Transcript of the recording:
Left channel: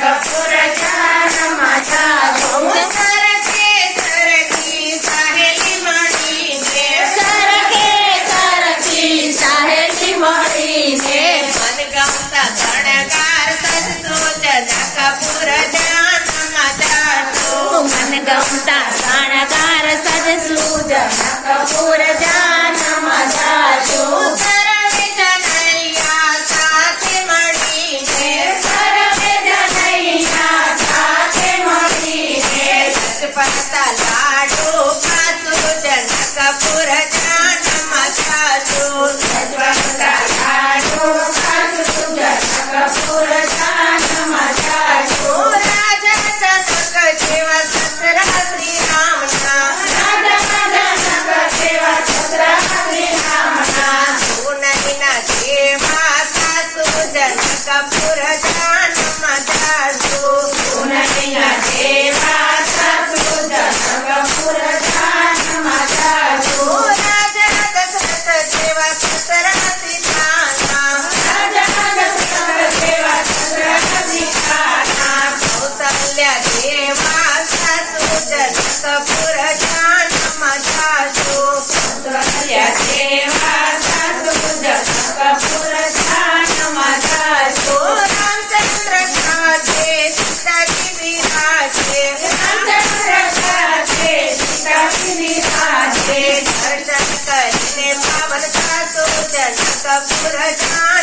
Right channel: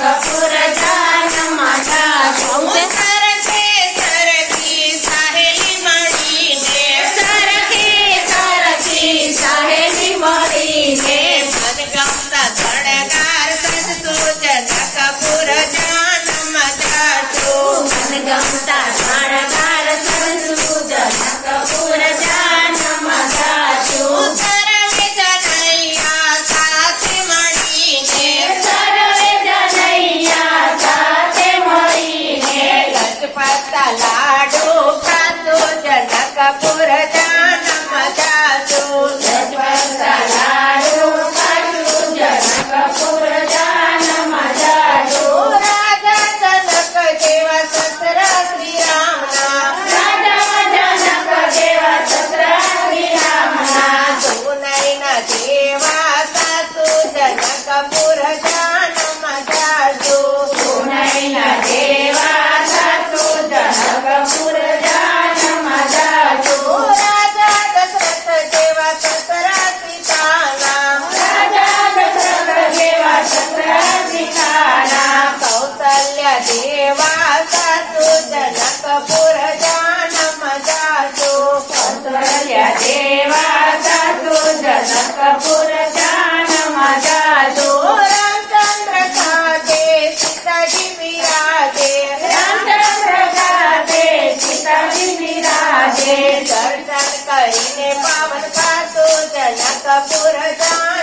Sapura દેવા સસુદ સગપુર કરીને પાવન કાતો જનકપુર કપૂર જાશું